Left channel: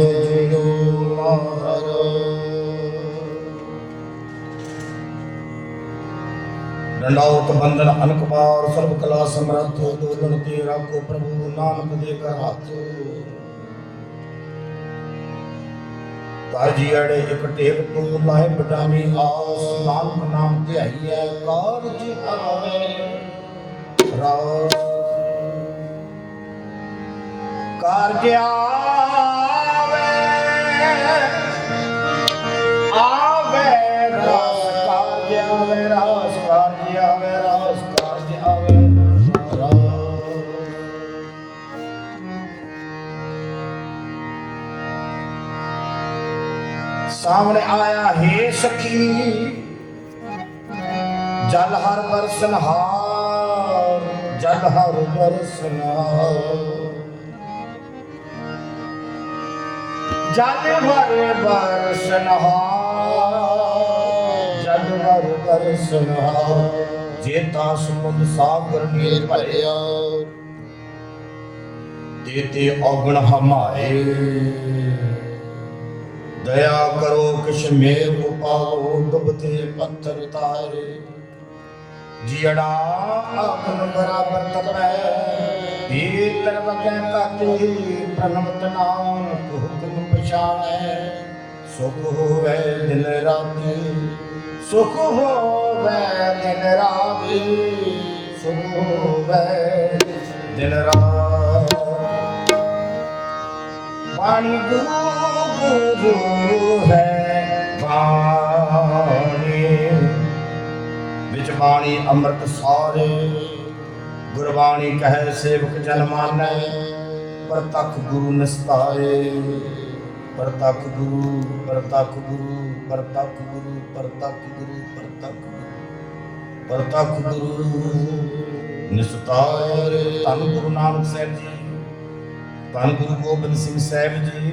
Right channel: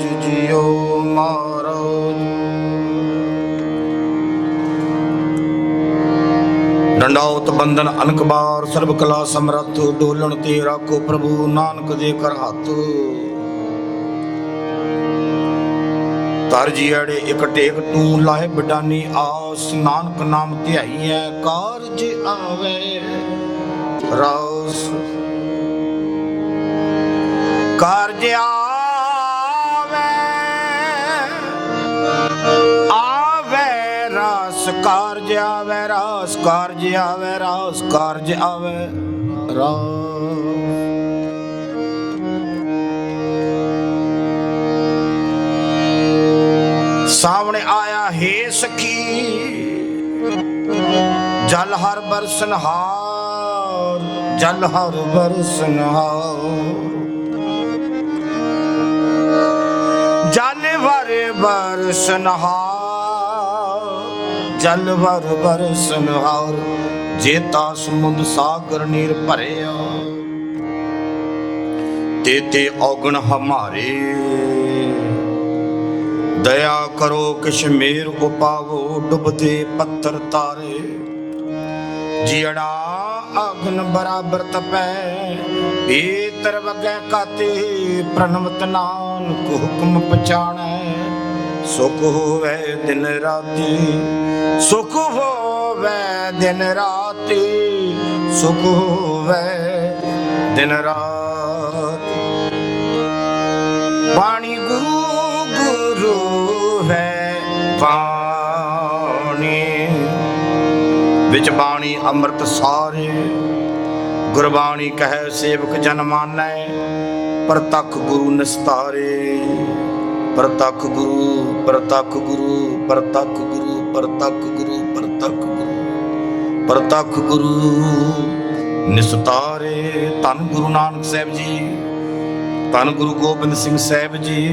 ਜੀ ਜੀ ਜਿਉ ਮਾਰਾ ਡੰਡਾਉਤ ਬੰਦਨ ਅਨਕ ਬਾਰ, ਸਰਬ ਕਲਾ ਸਮਰੱਥ, ਡੋਲਣ ਤੇ ਰਾਖੋ ਪ੍ਰਭੂ ਨਾਨਕ ਦੇ ਕਰ ਹੱਥ। ਤਰ ਜੀੜੇ ਇਕ ਟੇਕ ਤੂੰ ਲਾਏ ਬਡਾਨੀ ਆਸ, ਨਾਨਕ ਨਾਮ ਧਿਆਈਐ, ਕਾਰਜ ਆਵੇ। ਰਾਸ। ਕਾਰਜ ਆਵੇ ਕਾਰਜ ਆਵੇ ਰਾਸ ਸਾਹਮਣੇ ਆਇਆ ਹੈ ਸਖੀ ਜਲ ਹਰ ਬਰਸਨ ਹਾਰ ਜਲ ਹਰ ਬਰਸਨ ਹਾਰ ਜਲ ਹਰ ਬਰਸਨ ਹਾਰ ਜਲ ਹਰ ਬਰਸਨ ਹਾਰ ਜੇਤਾ ਸਮੁੰਦ ਸਾਗਰ ਨੀਰ ਭਰਿਆ, ਤੇ ਤੇ ਔਗਣ ਹਮਾਰੇ। ਦਇਆ ਕਰੋ ਕਿਛ ਮੇਰ ਉਪਾਓ, ਡੁੱਬਦੇ ਪੱਥਰ ਤਾਏ। ਜਿਹੜਾ ਅਗਨ ਬਰਾਬਰ ਤਪੈ ਭੀਤਰ ਵਗੈ ਕਾਤੇ ਪ੍ਰਣਮਤ ਨਾਨਕ ਹੁਕਮ ਪਛਾਣੈ। ਸੁਖ ਹੋਵੇ ਦਿਨ ਰਾਤੀ, ਸੁਖ ਹੋਵੇ ਦਿਨ ਰਾਤੀ। ਸੁਖ ਹੋਵੇ, ਦਿਨ ਰਾਤ। ਪਾਣੀ ਗੁਰੂ ਹੈ ਪਾਣੀ ਵਿੱਚ ਬਾਣੀ ਅੰਮ੍ਰਿਤ ਸਾਰੇ। ਗੁਰਬਾਣੀ ਕਹੈ ਸੇਵਕ ਜਨ ਮਾਨੈ, ਪ੍ਰਤੱਖ ਗੁਰੂ ਨਿਸਤਾਰੇ। ਪ੍ਰਤੱਖ ਗੁਰੂ ਪ੍ਰਤੱਖ ਗੁਰੂ ਪ੍ਰਤੱਖ ਗੁਰੂ ਪ੍ਰਤੱਖ ਗੁਰੂ, ਪ੍ਰਤੱਖ ਪ੍ਰਤੱਖ ਗੁਰੂ ਨਿਸਤਾਰੇ ਧੰਨ ਗੁਰੂ ਨਾਨਕ ਸਾਹਿਬ ਜੀ, ਧੰਨ ਗੁਰੂ ਗੋਬਿੰਦ ਸਿੰਘ ਸਾਹਿਬ ਜੀ,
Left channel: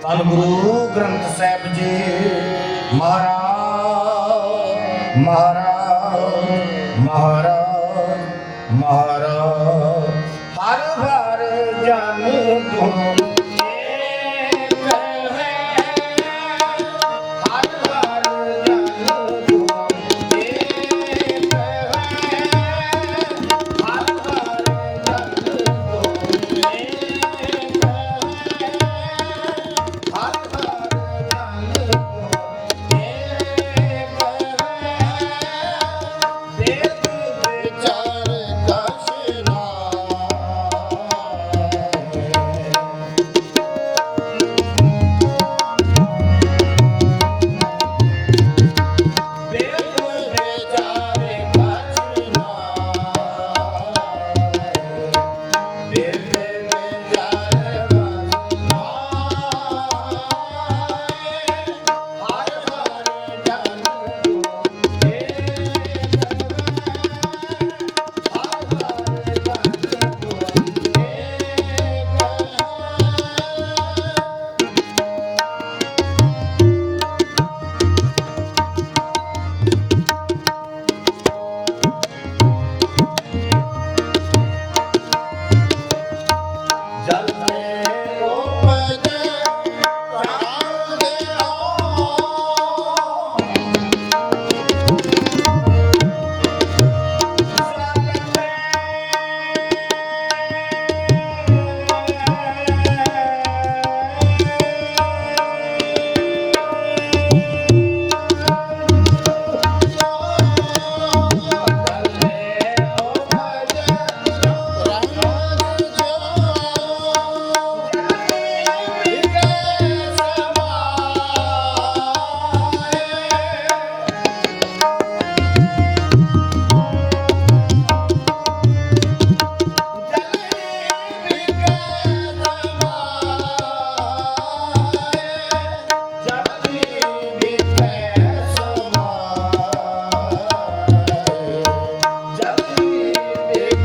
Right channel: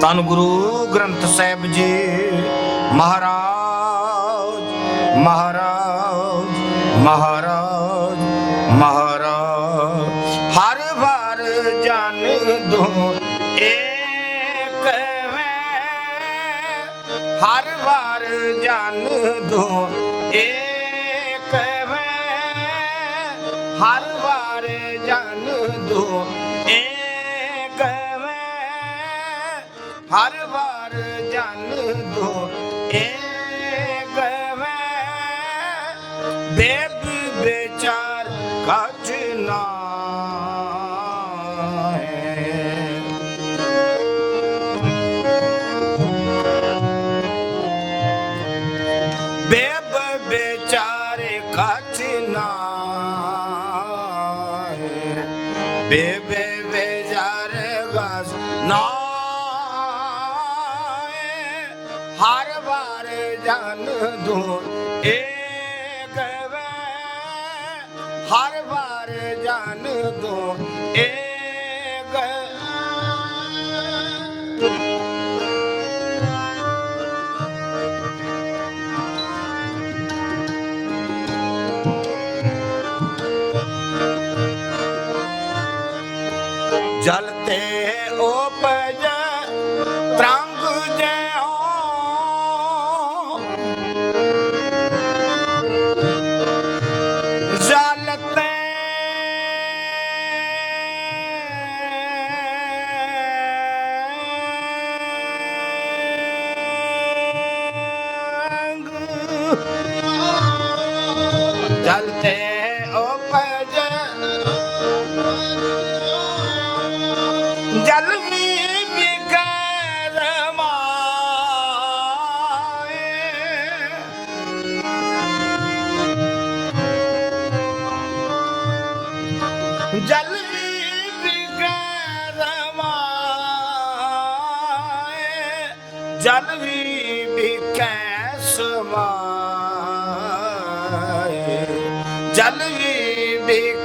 ਧੰਨ ਗੁਰੂ ਗ੍ਰੰਥ ਸਾਹਿਬ ਜੀ, ਮਹਾਰਾਜ ਮਹਾਰਾਜ ਮਹਾਰਾਜ ਮਹਾਰਾਜ Yeah.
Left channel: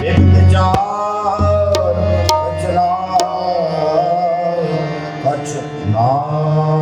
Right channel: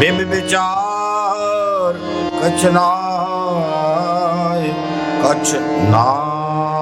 ਬਿਬ ਵਿਚਾਰ ਕਛਨਾਏ ਕਛ ਨਾਏ